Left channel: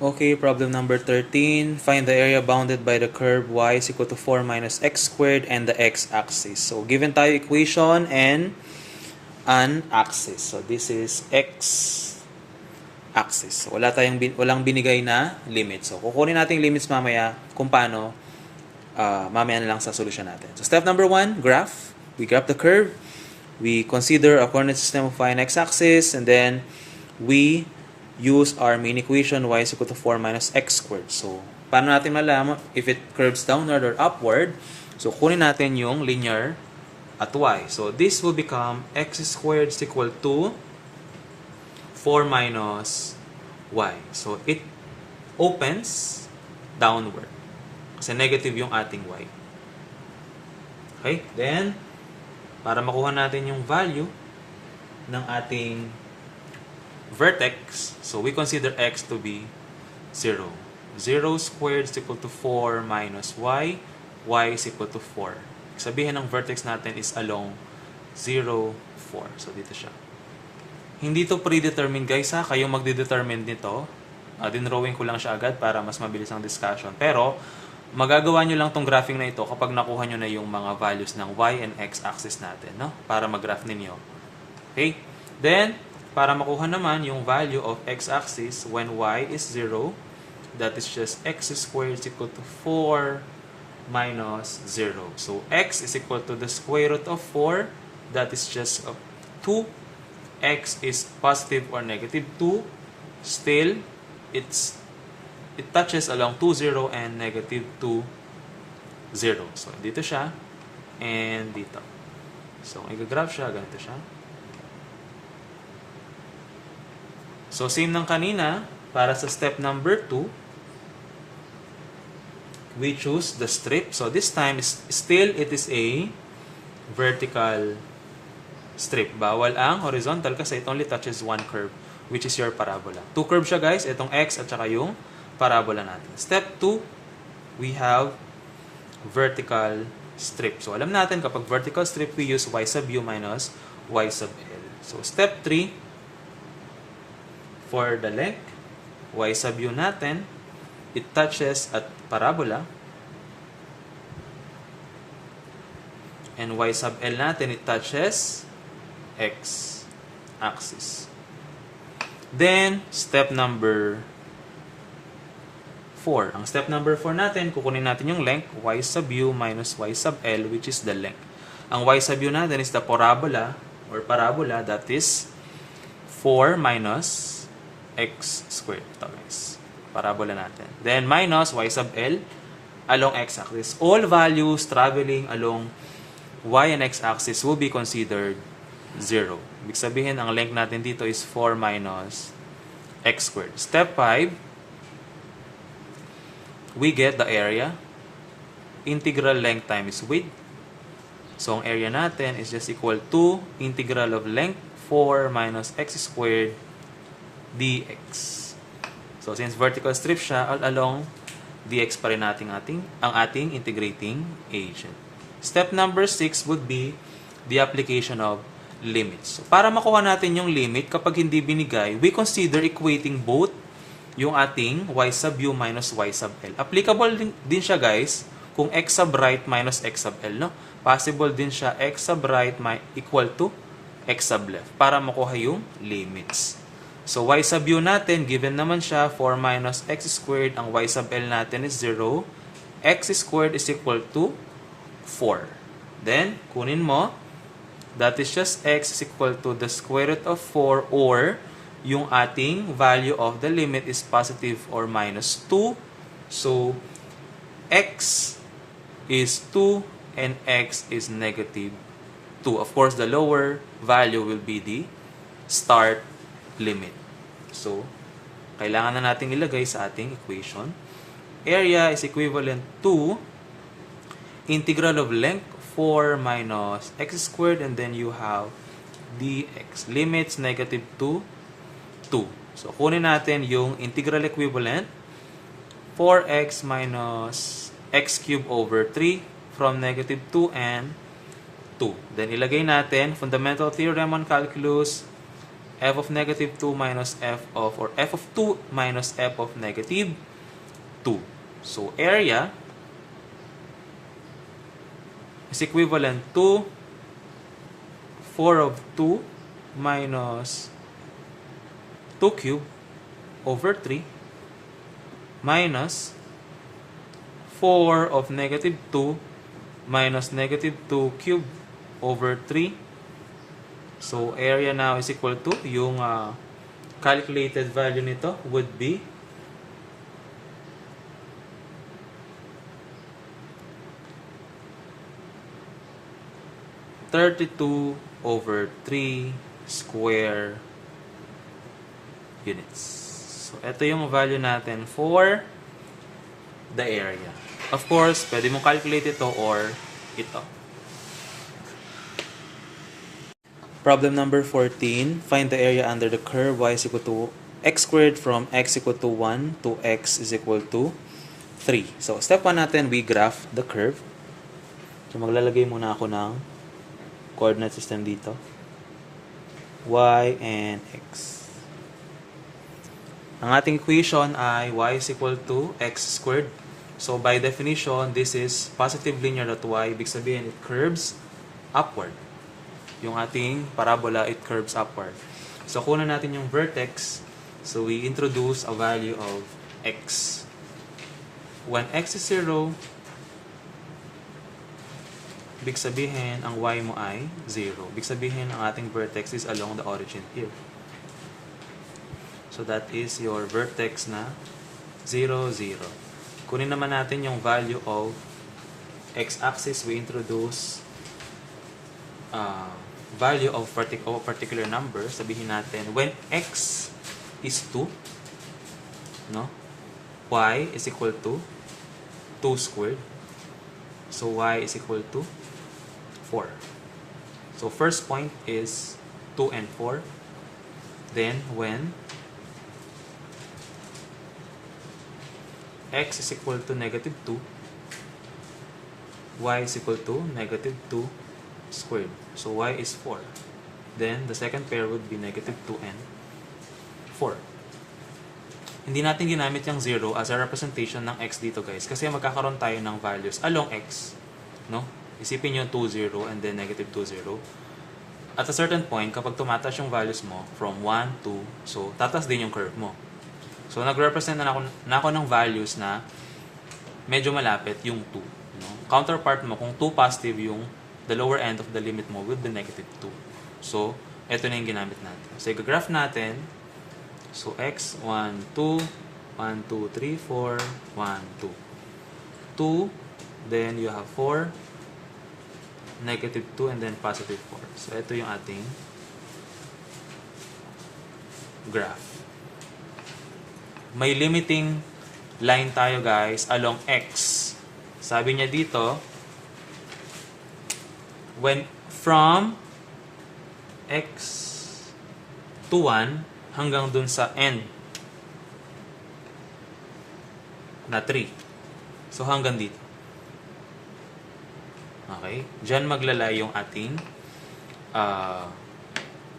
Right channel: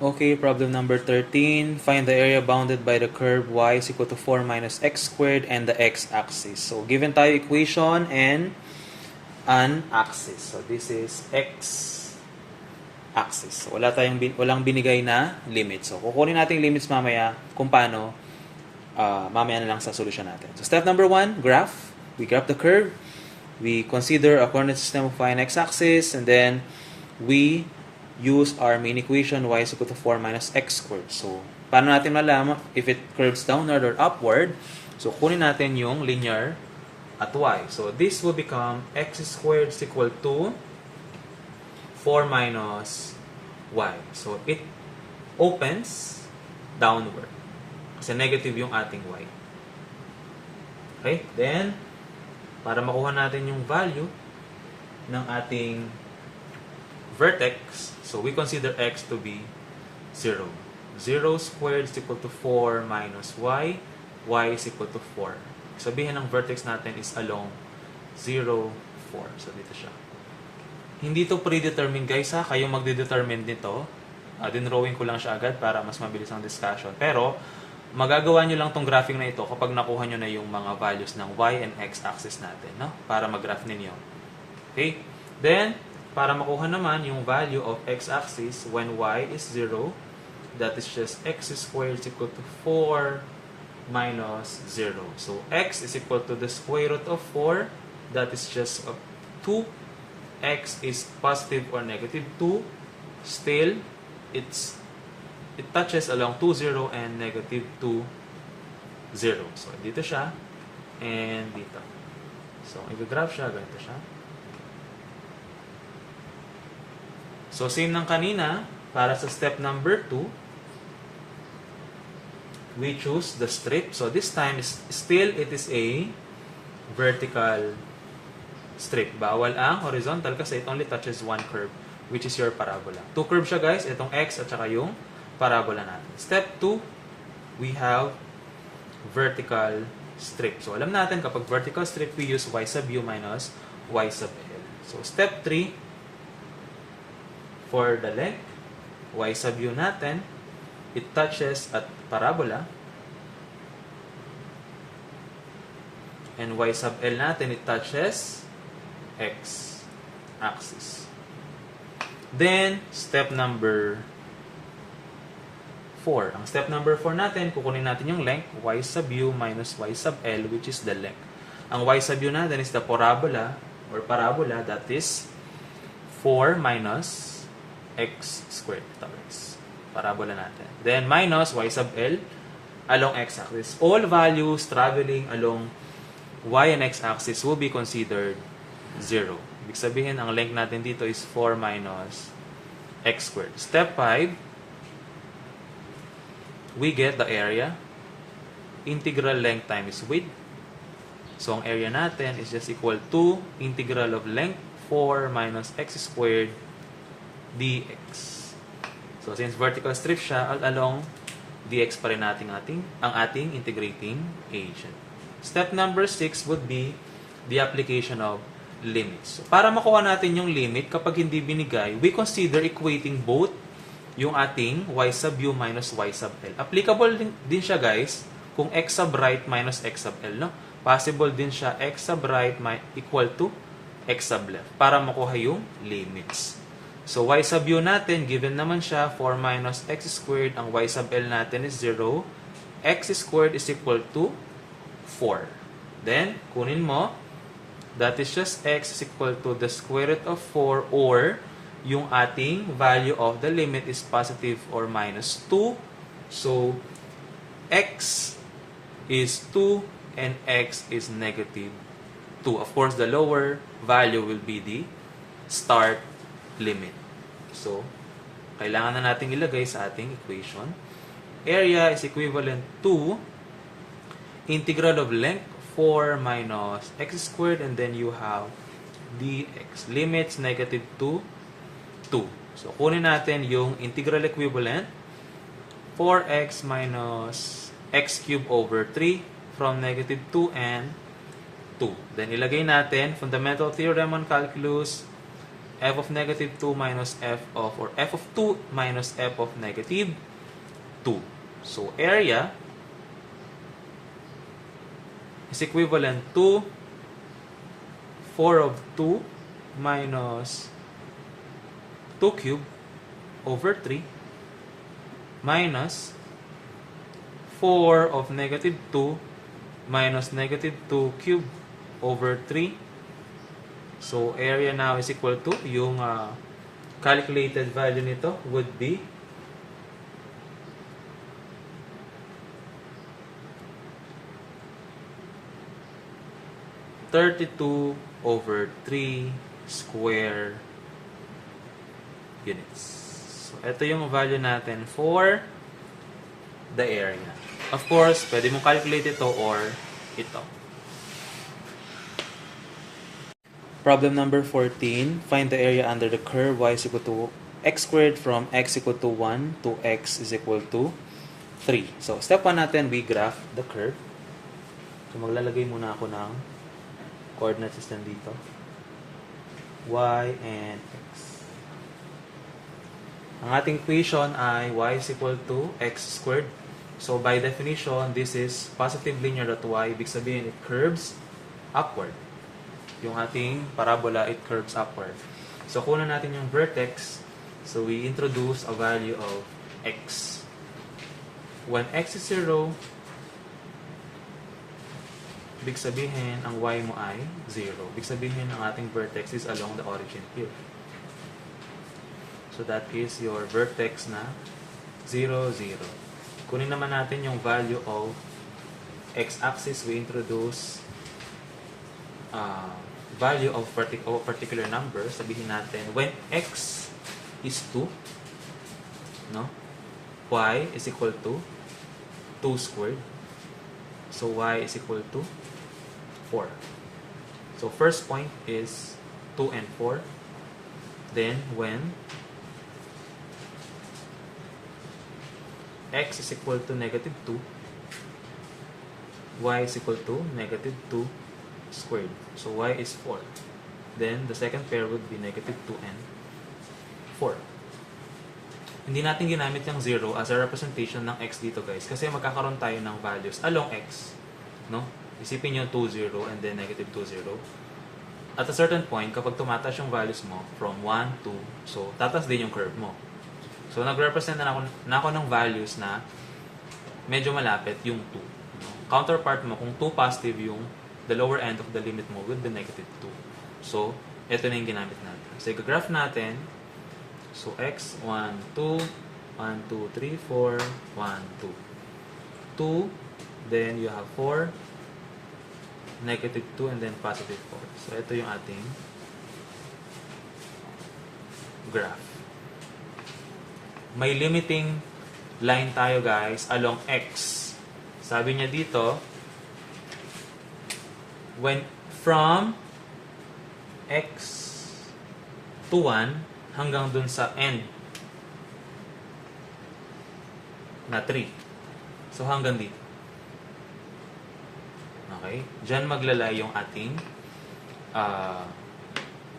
Okay, problem number 13. Find the area bounded by the curve y is equal to 4 minus x squared and the x-axis. So, given tayo equation and an axis. So, this is x-axis. So, walang binigay na limit. So, kukunin natin limits mamaya kung paano mamaya na lang sa solution natin. So, step number 1, graph. We graph the curve. We consider a coordinate system of y and x-axis, and then we use our main equation y is equal to 4 minus x squared. So, paano natin malaman if it curves downward or upward? So, kunin natin yung linear at y. So, this will become x squared is equal to 4 minus y. So, it opens downward. Kasi negative yung ating y. Okay? Then, para makuha natin yung value ng ating vertex, so we consider x to be 0. 0 squared is equal to 4 minus y. Y is equal to 4. Sabihin ng vertex natin is along 0, 4. So, dito siya. Hindi to predetermined guys ha. Kayo magde-determine nito. Dinrawing ko lang siya agad para mas mabilis ang discussion. Pero, magagawa nyo lang tong graphing na ito kapag nakuha nyo na yung mga values ng y and x axis natin. No? Para mag-graph ninyo. Okay? Then, para makuha naman yung value of x-axis when y is 0, that is just x squared is equal to 4 minus 0. So, x is equal to the square root of 4, that is just 2. X is positive or negative 2. Still, it touches along 2, 0 and negative 2, 0. So, dito siya and dito. So, i-graph siya, ganito siya. So, same ng kanina, para sa step number 2, we choose the strip. So, this time, still, it is a vertical strip. Bawal ang horizontal kasi it only touches one curve, which is your parabola. Two curves siya, guys. Itong x at saka yung parabola natin. Step 2, we have vertical strip. So, alam natin, kapag vertical strip, we use y sub u minus y sub l. So, step 3, for the length, y sub u natin, it touches at parabola. And y sub l natin, it touches x-axis. Then, step number 4. Ang step number 4 natin, kukunin natin yung length, y sub u minus y sub l, which is the length. Ang y sub u natin is the parabola, or parabola, that is 4 minus x squared. Ito guys. Parabola natin. Then minus y sub l along x-axis. All values traveling along y and x-axis will be considered 0. Ibig sabihin, ang length natin dito is 4 minus x squared. Step 5, we get the area. Integral length times width. So, ang area natin is just equal to integral of length 4 minus x squared dx. So, since vertical strip siya, all along, dx pa rin natin ang ating integrating agent. Step number 6 would be the application of limits. So, para makuha natin yung limit, kapag hindi binigay, we consider equating both yung ating y sub u minus y sub l. Applicable din siya guys kung x sub right minus x sub l. No? Possible din siya x sub right equal to x sub left para makuha yung limits. So, y sub u natin, given naman siya, 4 minus x squared. Ang y sub l natin is 0. X squared is equal to 4. Then, kunin mo, that is just x is equal to the square root of 4 or yung ating value of the limit is positive or minus 2. So, x is 2 and x is negative 2. Of course, the lower value will be the start limit. So, kailangan na natin ilagay sa ating equation. Area is equivalent to integral of length 4 minus x squared and then you have dx. Limits negative 2, 2. So, kunin natin yung integral equivalent 4x minus x cubed over 3 from negative 2 and 2. Then, ilagay natin fundamental theorem on calculus f of negative 2 minus f of, or f of 2 minus f of negative 2. So, area is equivalent to 4 of 2 minus 2 cube over 3 minus 4 of negative 2 minus negative 2 cube over 3. So, area now is equal to, yung calculated value nito would be 32 over 3 square units. So, ito yung value natin for the area. Of course, pwede mo calculate ito or ito. Problem number 14. Find the area under the curve y is equal to x squared from x equal to 1 to x is equal to 3. So, step 1 natin, we graph the curve. So, maglalagay muna ako ng coordinate system dito. Y and x. Ang ating equation ay y is equal to x squared. So, by definition, this is positive linear at y. Ibig sabihin, it curves upward. Yung ating parabola, it curves upward. So, kunan natin yung vertex. So, we introduce a value of x. When x is 0, ibig sabihin, ang y mo ay 0. Ibig sabihin, ang ating vertex is along the origin here. So, that is your vertex na 0, 0. Kunin naman natin yung value of x-axis. We introduce value of particular number. Sabihin natin, when x is 2, no? Y is equal to 2 squared. So, y is equal to 4. So, first point is 2 and 4. Then, when x is equal to negative 2, y is equal to negative 2 squared. So, y is 4. Then, the second pair would be negative 2 and 4. Hindi natin ginamit yung 0 as a representation ng x dito, guys. Kasi magkakaroon tayo ng values along x. No? Isipin nyo 2, 0, and then negative 2, 0. At a certain point, kapag tumataas yung values mo from 1 to, so, tatas din yung curve mo. So, nag-represent na ako ng values na medyo malapit yung 2. No? Counterpart mo, kung 2 positive yung the lower end of the limit mo with the negative 2. So, ito na yung ginamit natin. So, i-graph natin. So, x, 1, 2, 1, 2, 3, 4, 1, 2. 2, then you have 4, negative 2, and then positive 4. So, ito yung ating graph. May limiting line tayo, guys, along x. Sabi niya dito, when from x to 1 hanggang dun sa end na 3. So, hanggang dito. Okay? Diyan maglala yung ating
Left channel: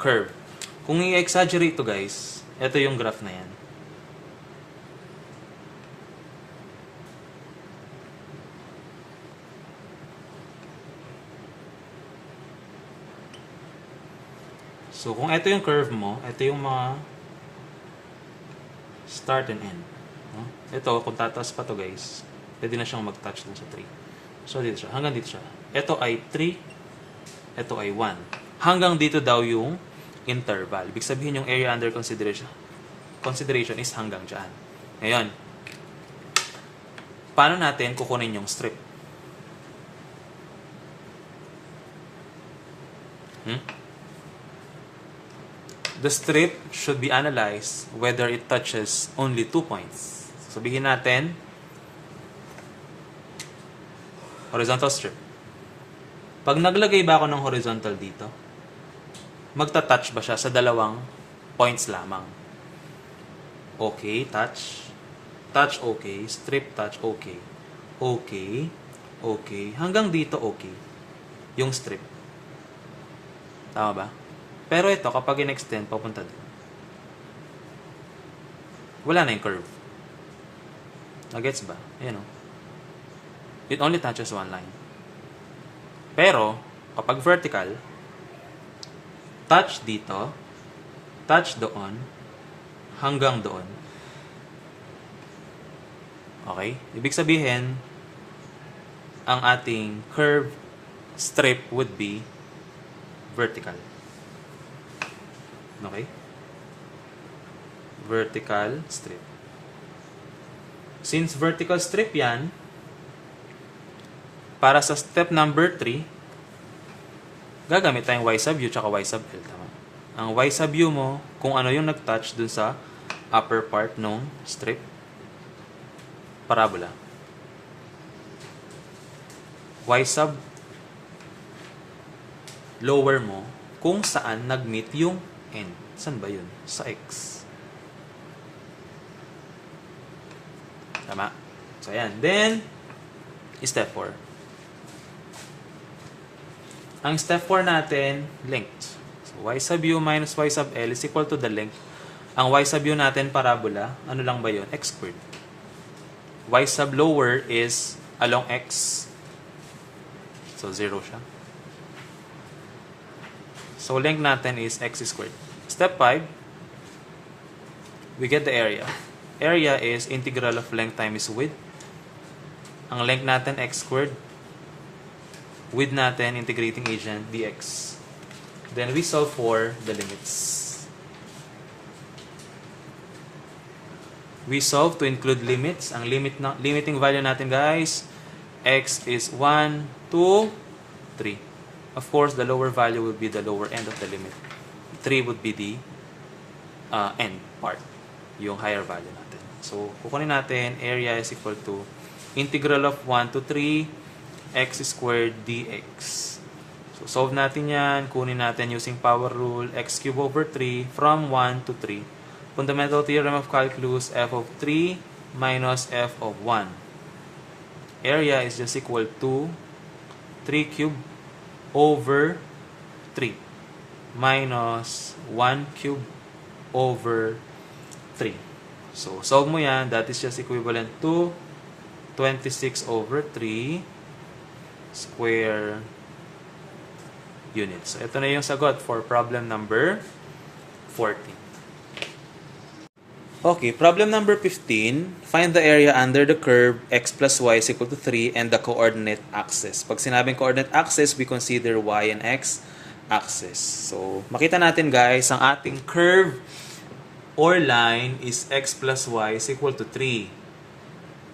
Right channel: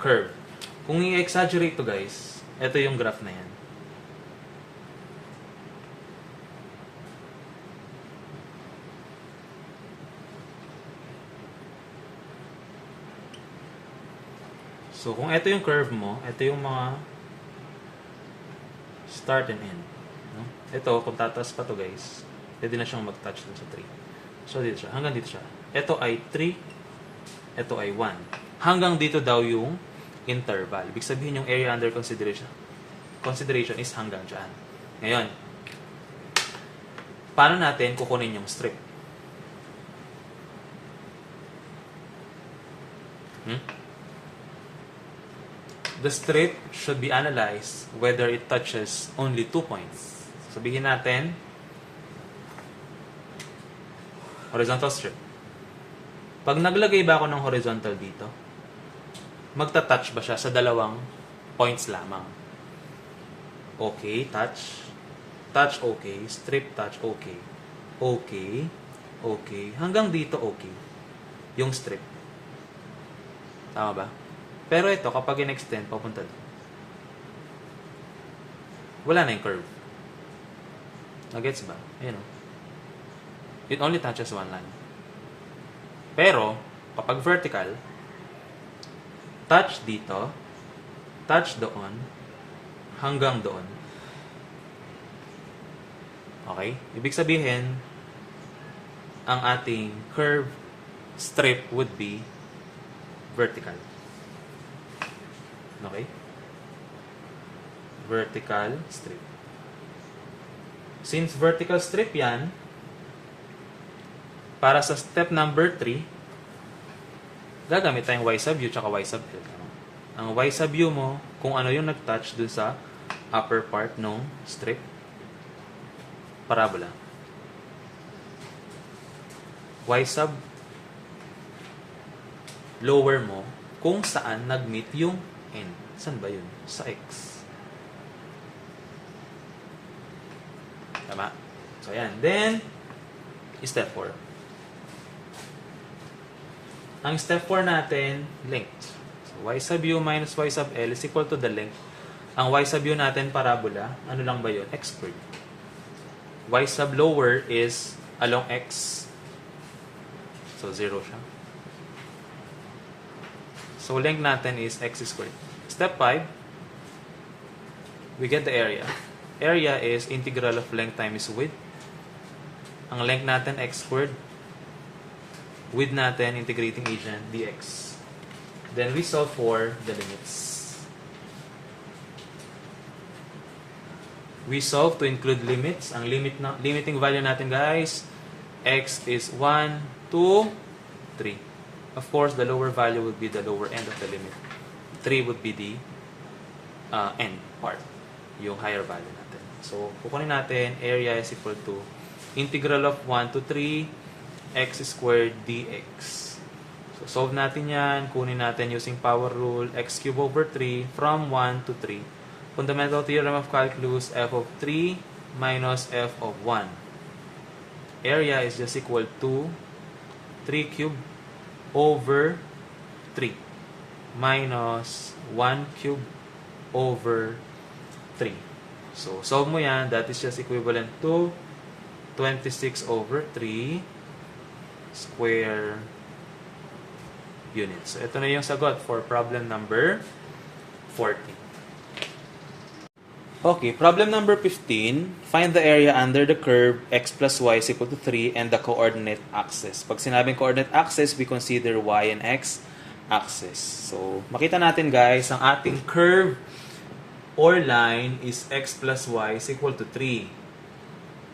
curve. Kung i-exaggerate to, guys, ito yung graph na yan. So, kung ito yung curve mo, ito yung mga start and end. No? Ito, kung tataas pa to, guys, pwede na siyang mag-touch dun sa 3. So, dito siya. Hanggang dito siya. Ito ay 3. Ito ay 1. Hanggang dito daw yung interval. Ibig sabihin yung area under consideration is hanggang dyan. Ngayon, paano natin kukunin yung strip? The strip should be analyzed whether it touches only 2 points. Sabihin natin, horizontal strip. Pag naglagay ba ako ng horizontal dito, magta-touch ba siya sa dalawang points lamang? Okay, touch. Touch, okay. Strip, touch, okay. Okay. Okay. Hanggang dito, okay. Yung strip. Tama ba? Pero ito, kapag in-extend, papunta doon. Wala na yung curve. Nagets ba? Ayan o. It only touches one line. Pero, kapag vertical, touch dito, touch doon, hanggang doon. Okay? Ibig sabihin, ang ating curve strip would be vertical. Okay? Vertical strip. Since vertical strip yan, para sa step number 3, gagamit tayong y sub u tsaka y sub l. Ang y sub u mo, kung ano yung nag-touch dun sa upper part ng strip, parabola. Y sub lower mo, kung saan nag-meet yung n. Saan ba yun? Sa x. Tama. So, ayan. Then, step 4. Ang step 4 natin, length. So, y sub u minus y sub l is equal to the length. Ang y sub u natin, parabola. Ano lang ba yun? X squared. Y sub lower is along x. So, 0 siya. So, length natin is x squared. Step 5, we get the area. Area is integral of length times width. Ang length natin, x squared. Width natin, integrating agent, dx. Then, we solve for the limits. We solve to include limits. Ang limiting value natin, guys, x is 1, 2, 3. Of course, the lower value would be the lower end of the limit. 3 would be the end part, yung higher value natin. So, kukunin natin, area is equal to integral of 1 to 3 x squared dx. So, solve natin yan. Kunin natin using power rule, x cubed over 3 from 1 to 3. Fundamental theorem of calculus, f of 3 minus f of 1. Area is just equal to 3 cubed over 3 minus 1 cubed over 3. So, solve mo yan. That is just equivalent to 26 over 3 square units. So, ito na yung sagot for problem number 14. Okay, problem number 15. Find the area under the curve x plus y is equal to 3 and the coordinate axis. Pag sinabing coordinate axis, we consider y and x axis. So, makita natin guys, ang ating curve or line is x plus y is equal to 3.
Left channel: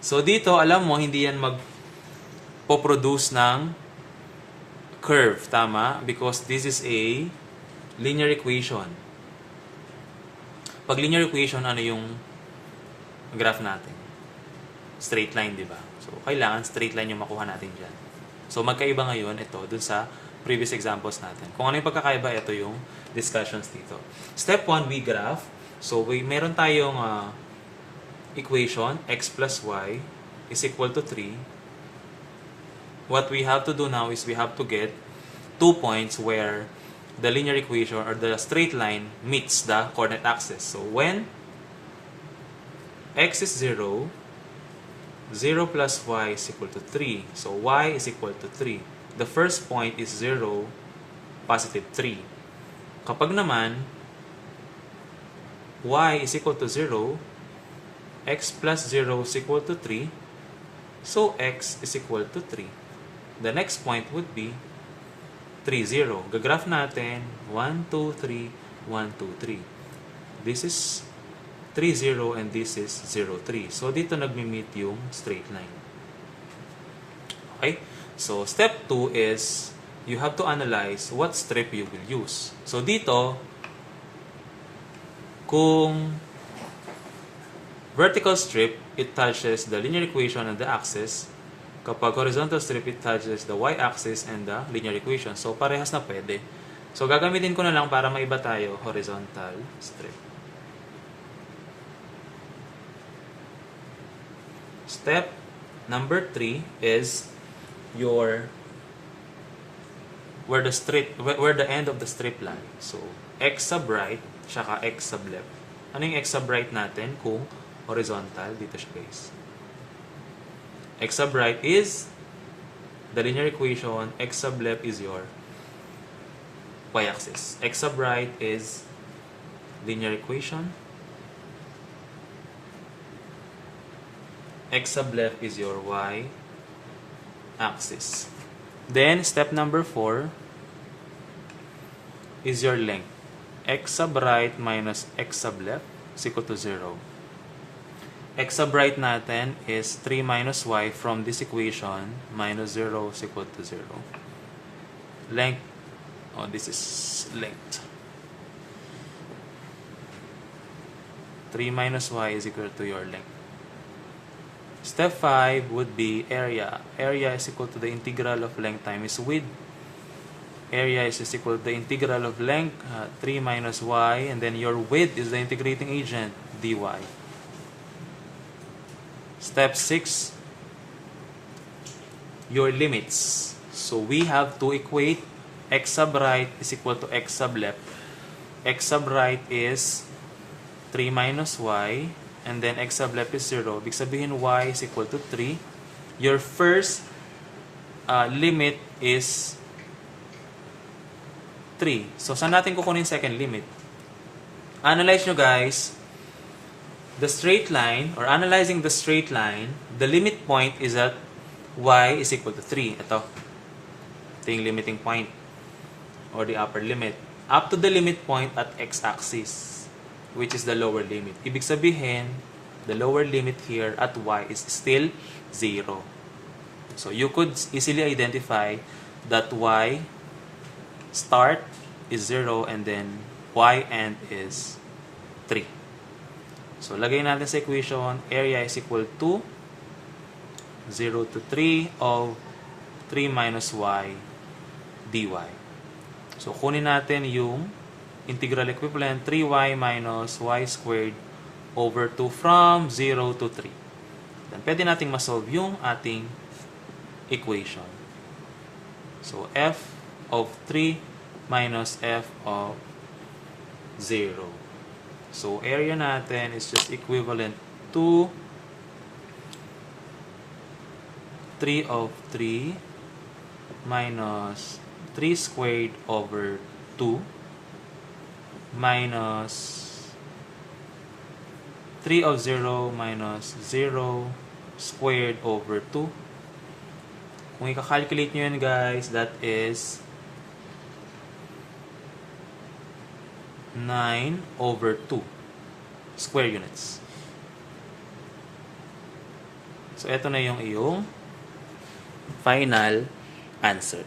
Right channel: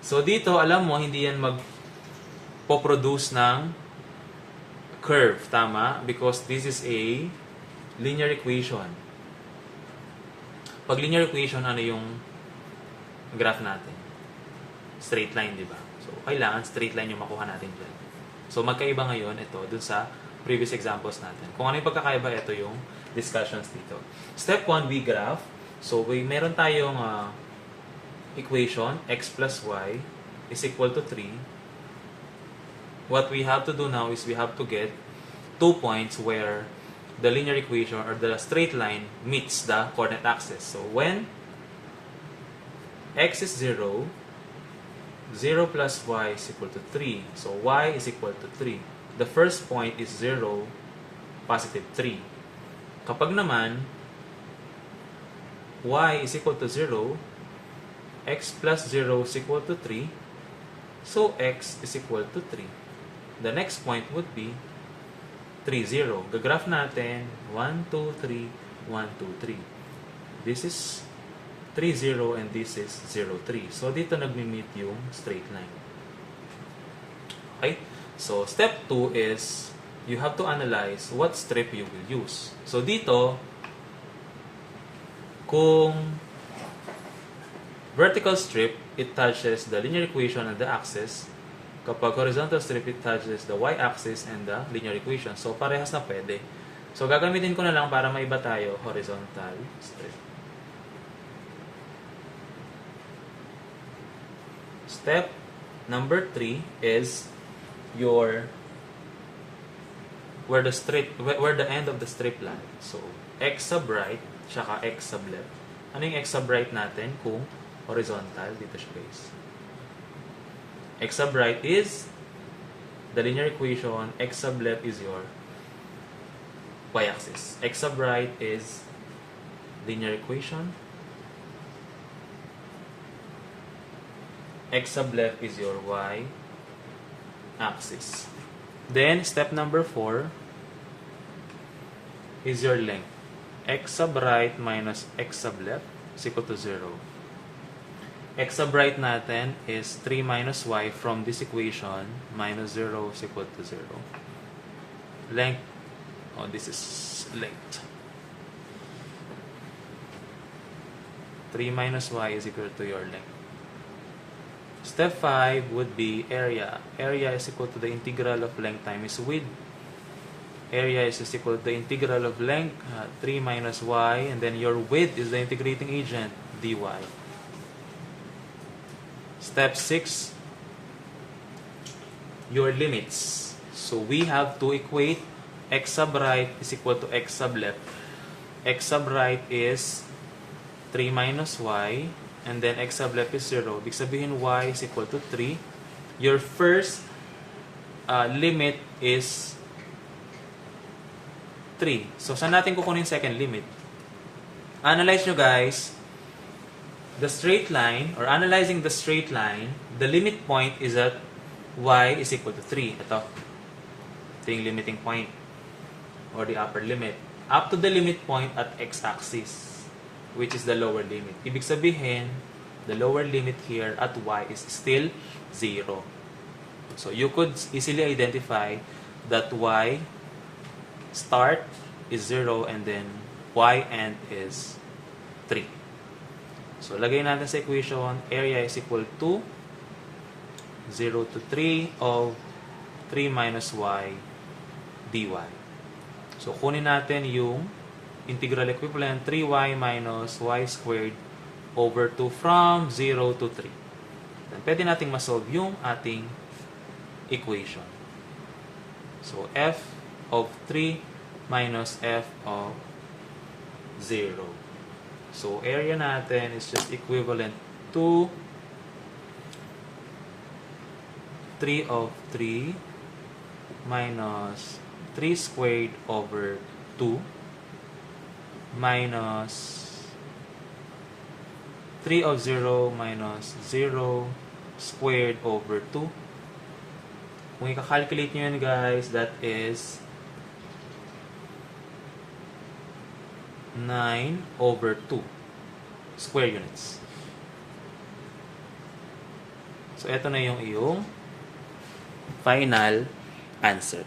So, dito, alam mo, hindi yan magpo-produce ng curve. Tama? Because this is a linear equation. Pag linear equation, ano yung graph natin? Straight line, di ba? So, kailangan straight line yung makuha natin dyan. So, magkaiba ngayon ito dun sa previous examples natin. Kung ano yung pagkakaiba, ito yung discussions dito. Step 1, we graph. So, meron tayong equation, x plus y is equal to 3. What we have to do now is we have to get 2 points where the linear equation or the straight line meets the coordinate axis. So, when x is 0, 0 plus y is equal to 3. So, y is equal to 3. The first point is 0, positive 3. Kapag naman, y is equal to 0, x plus 0 is equal to 3, so x is equal to 3. The next point would be 3, 0. Gagraph natin, 1, 2, 3, 1, 2, 3. This is 3, 0 and this is 0, 3. So, dito nagmi-meet yung straight line. Okay? So, step 2 is you have to analyze what strip you will use. So, dito, kung vertical strip, it touches the linear equation and the axis. Kapag horizontal strip, it touches the y-axis and the linear equation. So, parehas na pwede. So, gagamitin ko na lang para maiba tayo, horizontal strip. Step number 3 is where the end of the strip line. So, x sub right, saka x sub left. Ano yung x sub right natin kung horizontal? Dito siya, guys. X sub right is the linear equation, x sub left is your y-axis. X sub right is linear equation, x sub left is your y-axis. Then, step number 4 is your length. X sub right minus x sub left is equal to 0. X sub right natin is 3 minus y from this equation, minus 0 is equal to 0. Length, this is length. 3 minus y is equal to your length. Step 5 would be area. Area is equal to the integral of length times width. Area is just equal to the integral of length, 3 minus y, and then your width is the integrating agent, dy. Step 6, your limits. So we have to equate x sub right is equal to x sub left. X sub right is 3 minus y, and then x sub left is 0. Ibig sabihin y is equal to 3. Your first limit is 3. So, saan natin kukunin second limit? Analyze nyo, guys. The straight line, or analyzing the straight line, the limit point is at y is equal to 3. Ito yung limiting point, or the upper limit. Up to the limit point at x-axis, which is the lower limit. Ibig sabihin, the lower limit here at y is still 0. So, you could easily identify that y start is 0 and then y end is 3. So, lagay natin sa equation, area is equal to 0 to 3 of 3 minus y dy. So, kunin natin yung integral equivalent, 3y minus y squared over 2 from 0 to 3. Then, pwede nating masolve yung ating equation. So, f of 3 minus f of 0. So, area natin is just equivalent to 3 of 3 minus 3 squared over 2 minus 3 of 0 minus 0 squared over 2. Kung i-calculate nyo yun, guys, that is 9 over 2 square units. So, ito na yung iyong final answer.